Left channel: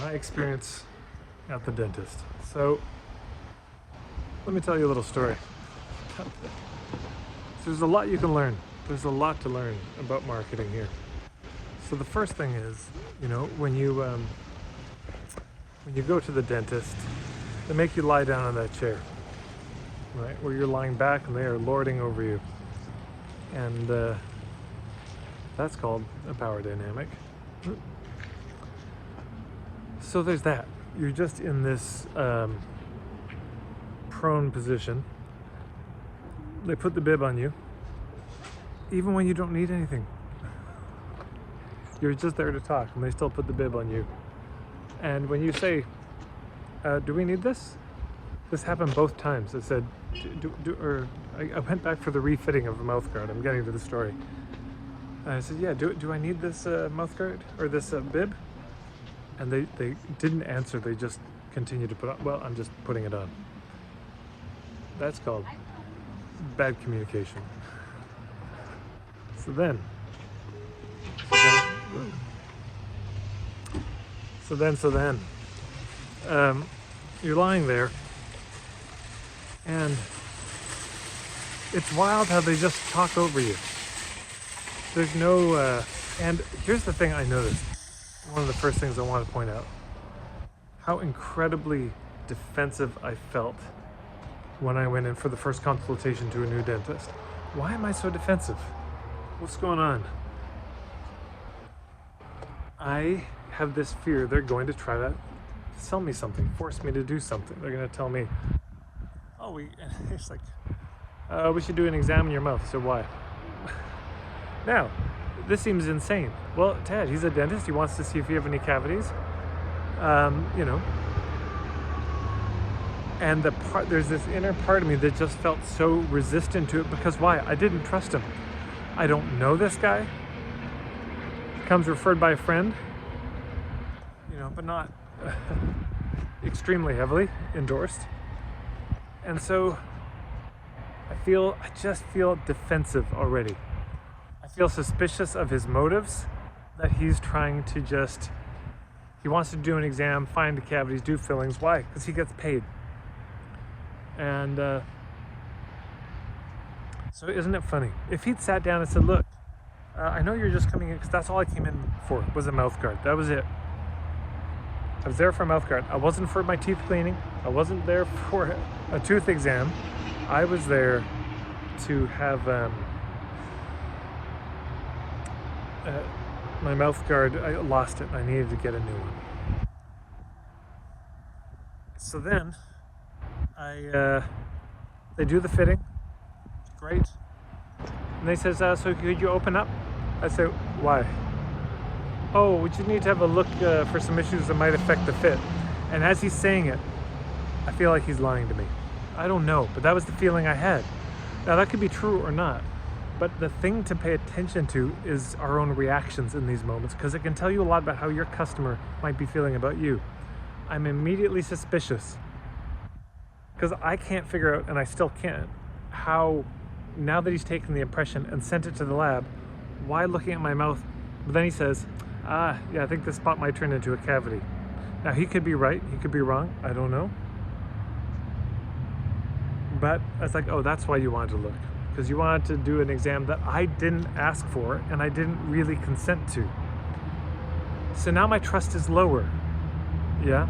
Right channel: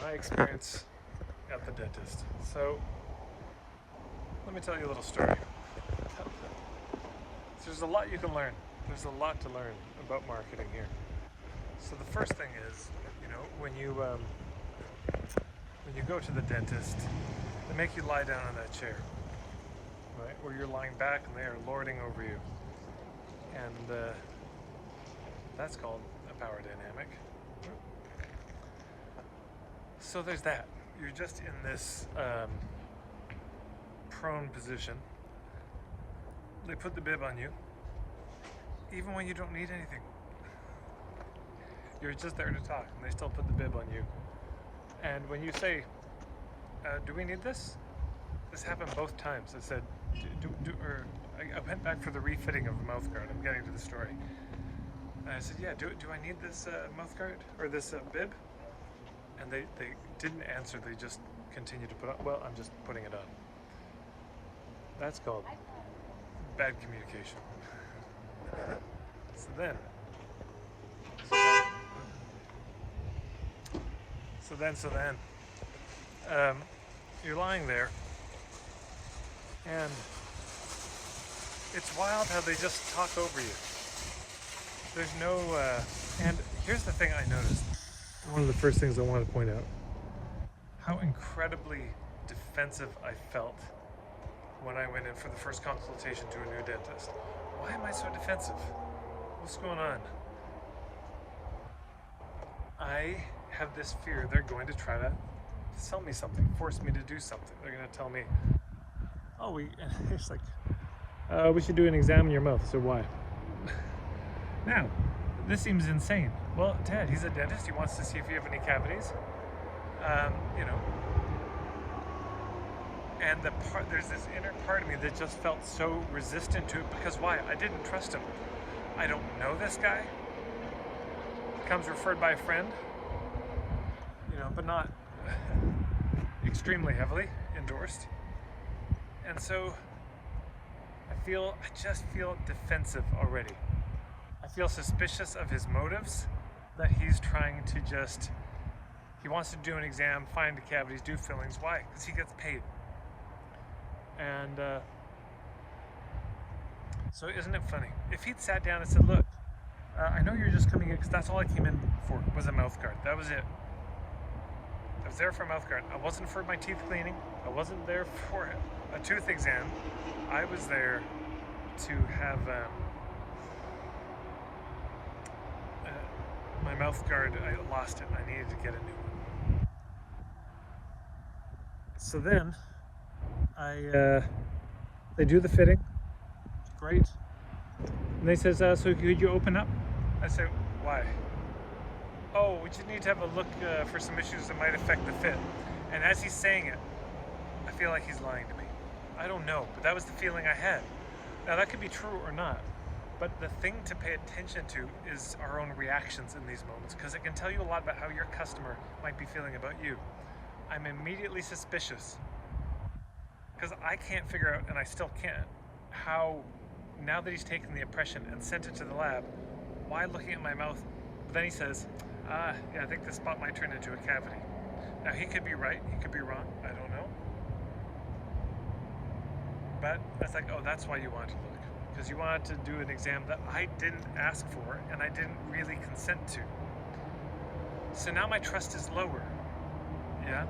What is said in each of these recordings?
my experience at the dentist. So let me tell you a little story. So there's a lot you can learn. There's a lot to learn about marketing here. So the first thing is, when you go to the dentist, they make you lie down on that chair, right, where you're lying back and they are lording over you, and that's called a power dynamic. So there's that. You're just in this prone position. They put the bib on you, even when you don't need anything. You're just there to talk, and they still put the bib on you. And when you say, do we need this? This happened both times. I said, I went back for the refitting of a mouth guard. I'm getting to the story. And I said, yeah, do I need this mouth guard or this bib? And they didn't answer. They just continued to put on. Well, I'm just putting it on. That's called bad communication. So then, you're lying there, and it's wild how they just talk over you. There's no, and here's the thing I noticed. One of the first things I want to point out, how incredibly defensive I felt when I went in for the first consultation to a new dentist. Why am I so defensive? What's going on? I have this fear they're going to try to sell me something, force me to do something. They're going to tell me, oh, it's like, we should do an exam in your mouth. So why? Now, this seems insane. Well, Ted, he's a dentist. He wants to see if you have any cavities. And there's this inner part of me that just felt so resistant to it, because why? I didn't trust him. I don't know this guy. Comes referred by a friend, but not extremely heavily endorsed. And so I just feel defensive already. I feel suspicious of his motives, that he's trying to he wants to do an exam, find the cavities, do fillings. Why? Because he gets paid. And so isn't it funny? If he'd sat down and said, look, I know you're just coming in because that's all I came in for, was a mouth guard. That was it. I was there for a mouth guard. I wasn't for my teeth cleaning. I wasn't there for a tooth exam. I was there to have my mouth guard. I lost it. I needed to get a new one. So then they do the fitting. Great. And they says, so could you open up? I say, why? Oh, we just need to have a look for some issues that might affect the fit. And as he's saying it, I feel like he's lying to me. I don't know, but that was the feeling I had. Now that could be true or not, but the thing to pay attention to is our own reactions in these moments, because it can tell you a lot about how your customer might be feeling about you. I'm immediately suspicious, because I can't figure out, and I still can't, how, now that he's taken the impression and sent it to the lab, why looking at my mouth? But then he says, yeah, I think this spot might turn into a cavity. Now he could be right, he could be wrong, I don't know. But that's like, oh, that's why you wanted to look. Because you wanted to do an exam that I didn't ask for and I didn't really consent to. So now my trust is lower, yeah?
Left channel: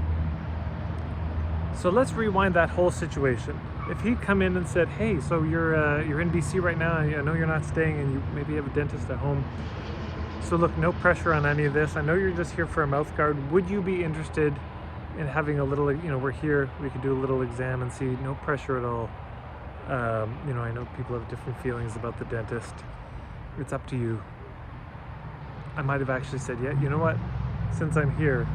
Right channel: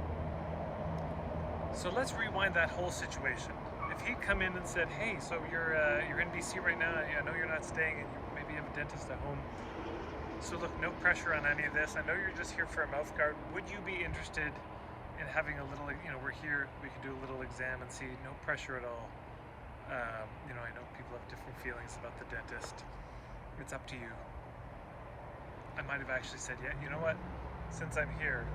So let's rewind that whole situation. If he'd come in and said, hey, so you're in BC right now, and I know you're not staying and you maybe have a dentist at home. So look, no pressure on any of this. I know you're just here for a mouth guard. Would you be interested in having a little, we're here, we could do a little exam and see, no pressure at all. I know people have different feelings about the dentist. It's up to you. I might have actually said, yeah, you know what, since I'm here.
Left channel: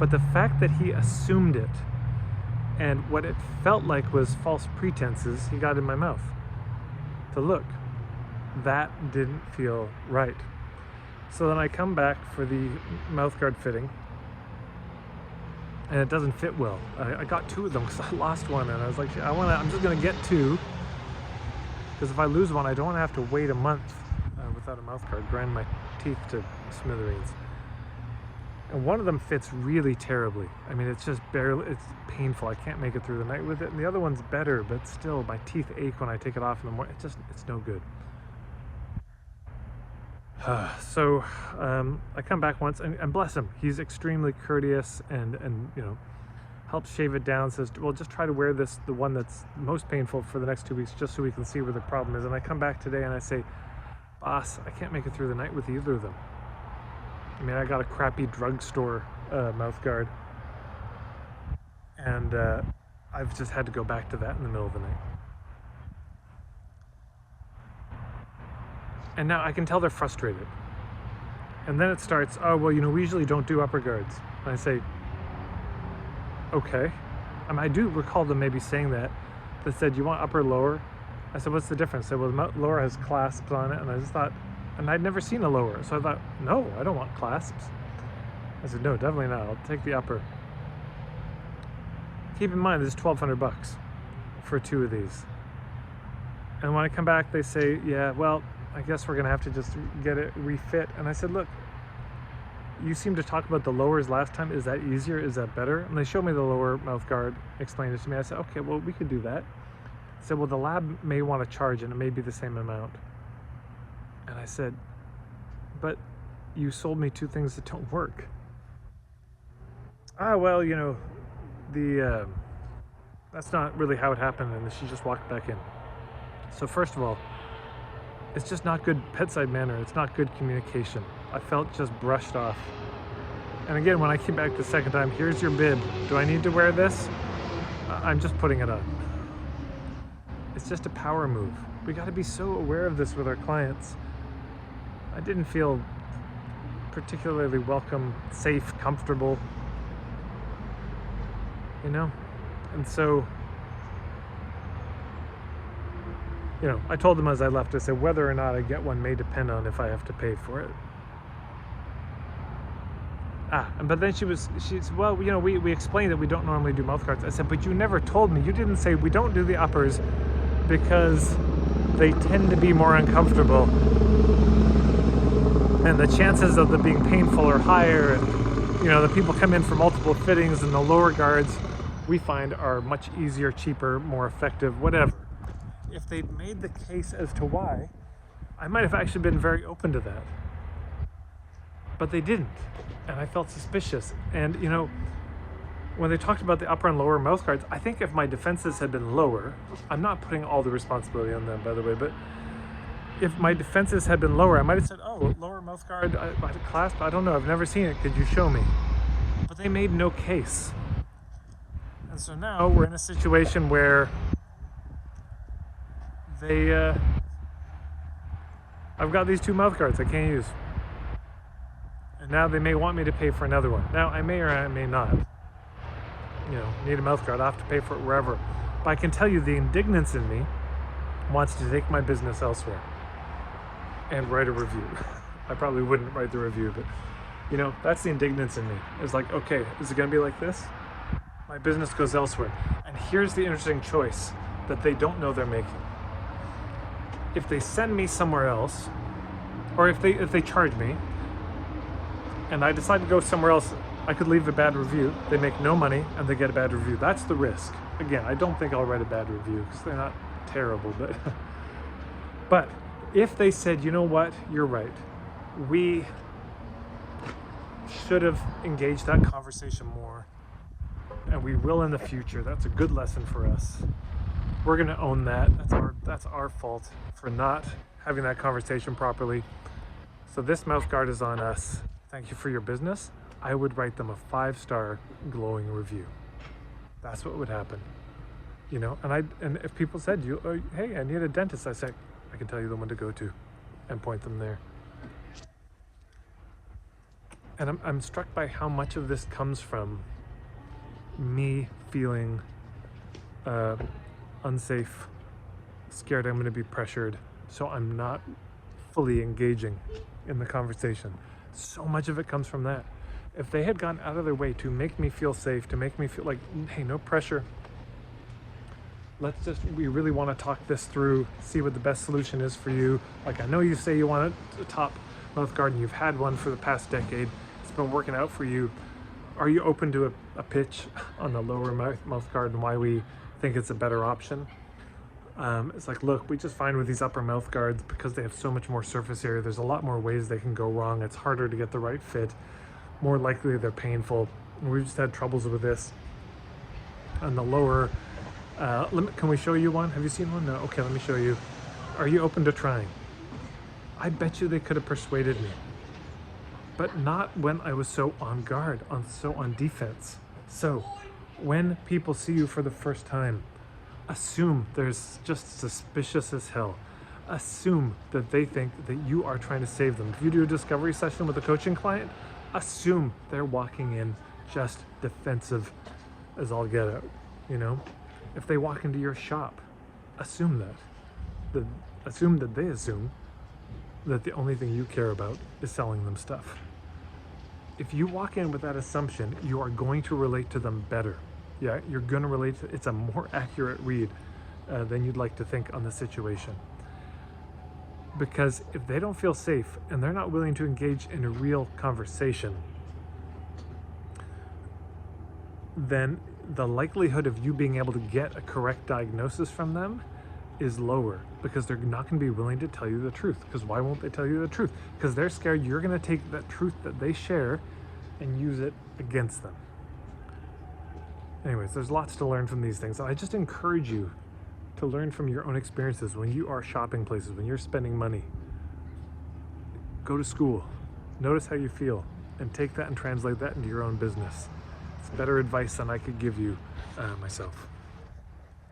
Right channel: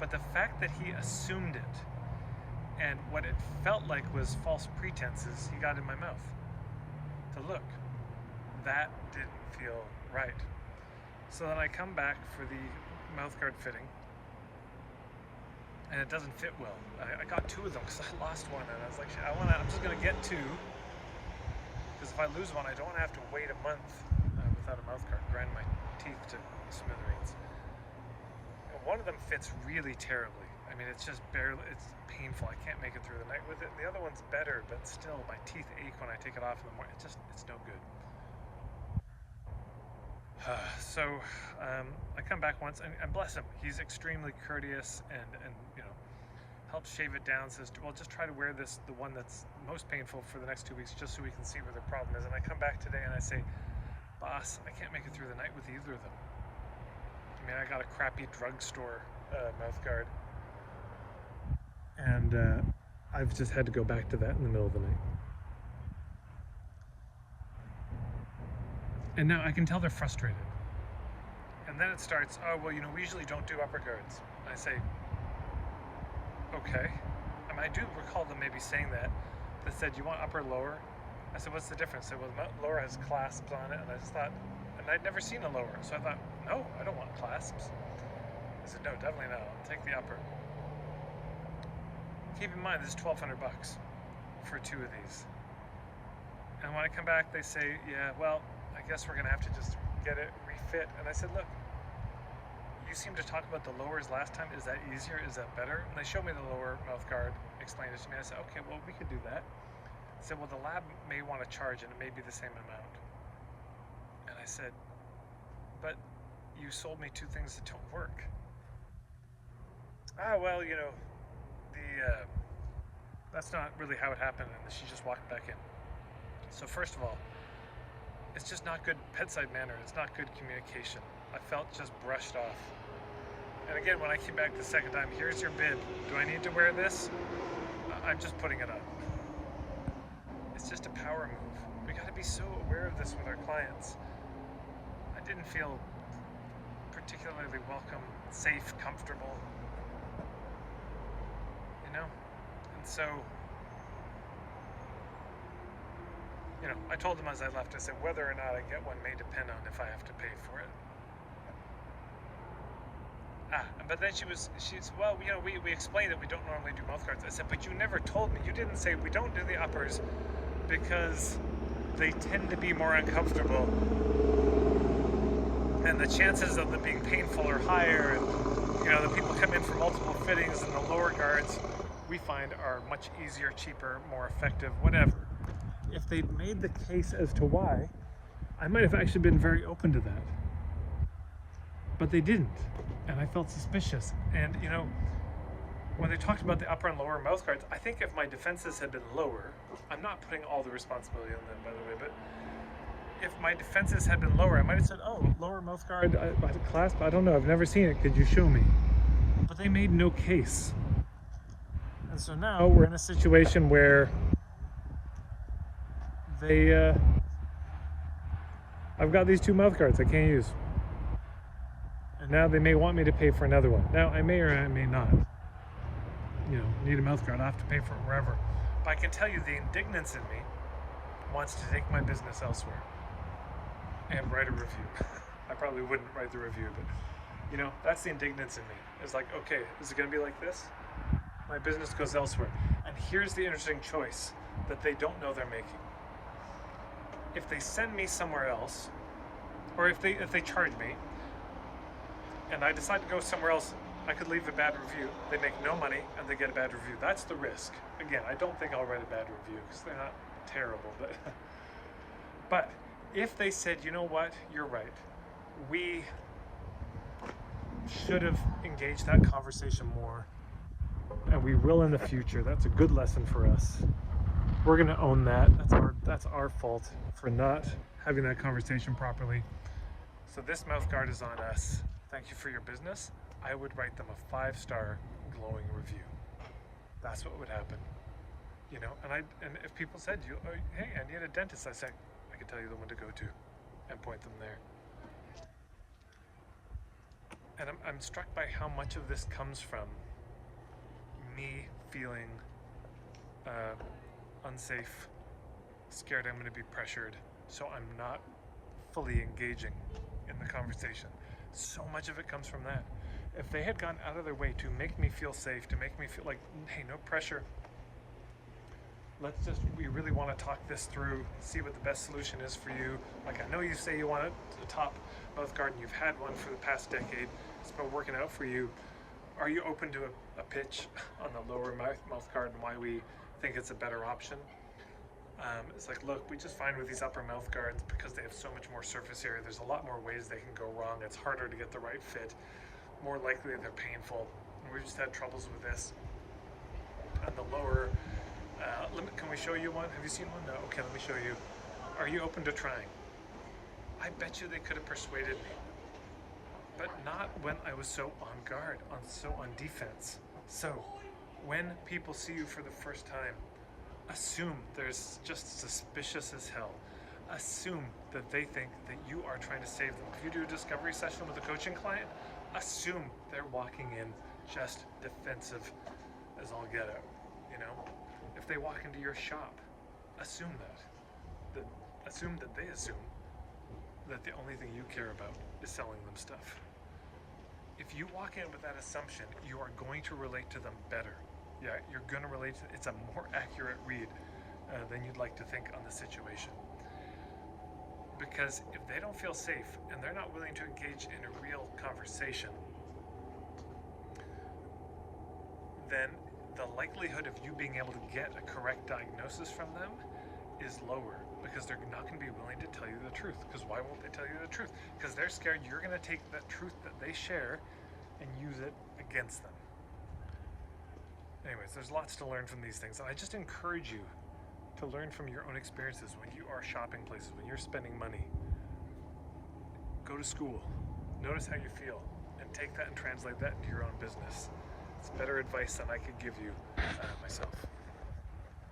But the fact that he assumed it, and what it felt like was false pretenses he got in my mouth to look, that didn't feel right. So then I come back for the mouth guard fitting, and it doesn't fit well. I got two of them because I lost one, and I was like, I'm just gonna get two, because if I lose one, I don't want to have to wait a month without a mouth guard, grind my teeth to smithereens. And one of them fits really terribly. I mean, it's just barely, it's painful. I can't make it through the night with it. And the other one's better, but still my teeth ache when I take it off in the morning. It's no good. So I come back once, and bless him, he's extremely courteous and helps shave it down, says, well, just try to wear the one that's most painful for the next 2 weeks, just so we can see where the problem is. And I come back today and I say, boss, I can't make it through the night with either of them. I mean, I got a crappy drugstore mouth guard, and I've just had to go back to that in the middle of the night. And now I can tell they're frustrated. And then it starts, oh, well, we usually don't do upper guards. And I say, okay. I do recall them maybe saying that. They said, you want upper or lower? I said, what's the difference? They said, well, the lower has clasps on it. And I just thought, and I'd never seen a lower. So I thought, no, I don't want clasps. I said, no, definitely not. I'll take the upper. Keep in mind, this is $1,200 for 2 of these. And when I come back, they say, yeah, well, I guess we're gonna have to just get it refit. And I said, look, you seem to talk about the lowers last time. Is that easier? Is that better? And they showed me the lower mouth guard, explained it to me. I said, okay, well, we could do that. I said, well, the lab may want to charge and it may be the same amount. And I said, but you sold me 2 things that don't work. Well, that's not really how it happened. And she just walked back in. So first of all, it's just not good bedside manner. It's not good communication. I felt just brushed off. And again, when I came back the second time, here's your bib. Do I need to wear this? I'm just putting it on. It's just a power move. We got to be so aware of this with our clients. I didn't feel particularly welcome, safe, comfortable, And so, I told them as I left, I said, whether or not I get one may depend on if I have to pay for it. But then she said, well, we explained that we don't normally do mouth guards. I said, but you never told me. You didn't say we don't do the uppers because they tend to be more uncomfortable. And the chances of them being painful are higher. And, the people come in for multiple fittings, and the lower guards we find are much easier, cheaper, more effective, whatever. If they'd made the case as to why, I might have actually been very open to that. But they didn't, and I felt suspicious. And when they talked about the upper and lower mouth guards, I think if my defenses had been lower, I'm not putting all the responsibility on them, by the way, but if my defenses had been lower, I might have said, oh, lower mouth guard, clasp, I don't know, I've never seen it, could you show me? But they made no case. And so now we're in a situation where I've got these 2 mouth guards I can't use. And now they may want me to pay for another one. Now, I may or I may not, need a mouth guard. I'll have to pay for it wherever. But I can tell you the indignance in me wants to take my business elsewhere and write a review. I probably wouldn't write the review, but that's the indignance in me. It's like, okay, is it gonna be like this? My business goes elsewhere. And here's the interesting choice that they don't know they're making. If they send me somewhere else, or if they charge me, and I decide to go somewhere else, I could leave a bad review. They make no money and they get a bad review. That's the risk. Again, I don't think I'll write a bad review because they're not terrible, but if they said, you know what, you're right, we should have engaged that conversation more, and we will in the future. That's a good lesson for us. We're going to own that. That's our fault for not having that conversation properly. So this mouth guard is on us. Thank you for your business. I would write them a 5-star glowing review. That's what would happen. And if people said, hey, I need a dentist, I say, I can tell you the one to go to and point them there. And I'm struck by how much of this comes from me feeling unsafe, scared I'm going to be pressured, so I'm not fully engaging in the conversation. So much of it comes from that. If they had gone out of their way to make me feel safe, to make me feel like, hey, no pressure, we really want to talk this through, see what the best solution is for you. Like, I know you say you want a top mouth guard and you've had one for the past decade. it's been working out for you, are you open to a pitch on the lower mouth guard and why we think it's a better option? It's like, look, we just find with these upper mouth guards, because they have so much more surface area, there's a lot more ways they can go wrong. It's harder to get the right fit. More likely they're painful. And we've just had troubles with this. On the lower, can we show you one? Have you seen one? No? Okay, let me show you. Are you open to trying? I bet you they could have persuaded me. But not when I was so on guard, so on defense. So when people see you for the first time, assume there's just suspicious as hell. Assume that they think that you are trying to save them. If you do a discovery session with a coaching client, assume they're walking in just defensive as all get out, you know? If they walk into your shop, assume that. Assume that they assume that the only thing you care about is selling them stuff. If you walk in with that assumption, you are going to relate to them better. Yeah, you're going to relate to, it's a more accurate read than you'd like to think on the situation. Because if they don't feel safe and they're not willing to engage in a real conversation, then the likelihood of you being able to get a correct diagnosis from them is lower, because they're not going to be willing to tell you the truth. Because why won't they tell you the truth? Because they're scared you're going to take that truth that they share and use it against them. Anyways, there's lots to learn from these things. I just encourage you to learn from your own experiences when you are shopping places, when you're spending money. Go to school, notice how you feel, and take that and translate that into your own business. It's better advice than I could give you myself.